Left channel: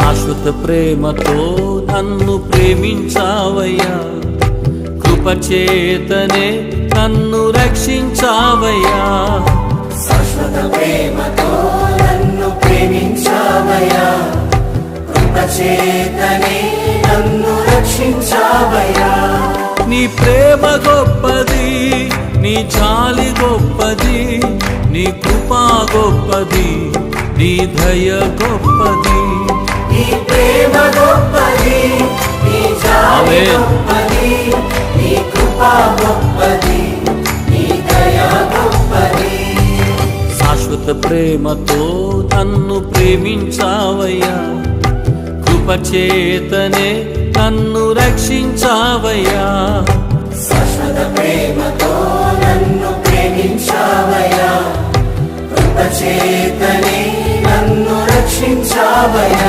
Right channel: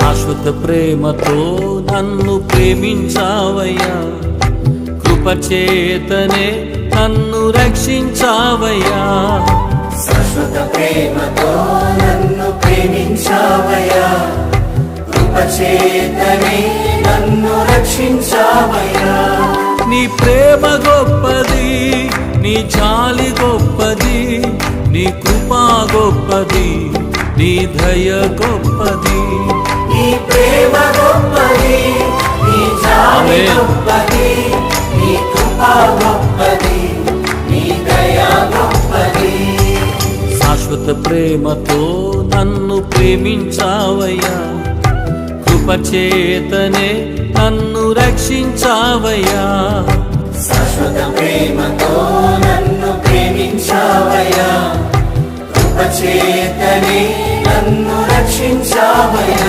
శాశ్వత ప్రేమతో నన్ను ప్రేమించావయ్యా, కృపచేతనే నన్ను రక్షించావయ్యా. శాశ్వత ప్రేమతో నన్ను ప్రేమించావయ్యా, కృపచేతనే నన్ను రక్షించావయ్యా. నీ ప్రేమ గొప్పది, నీ జాలి గొప్పది, నీ కృపా గొప్పది, నీ దయ గొప్పది. నీ ప్రేమ గొప్పది, నీ జాలి గొప్పది, నీ కృపా గొప్పది, నీ దయ గొప్పది. శాశ్వత ప్రేమతో నన్ను ప్రేమించావయ్యా, కృపచేతనే నన్ను రక్షించావయ్యా. శాశ్వత ప్రేమతో నన్ను ప్రేమించావయ్యా, కృపచేతనే నన్ను రక్షించావయ్యా.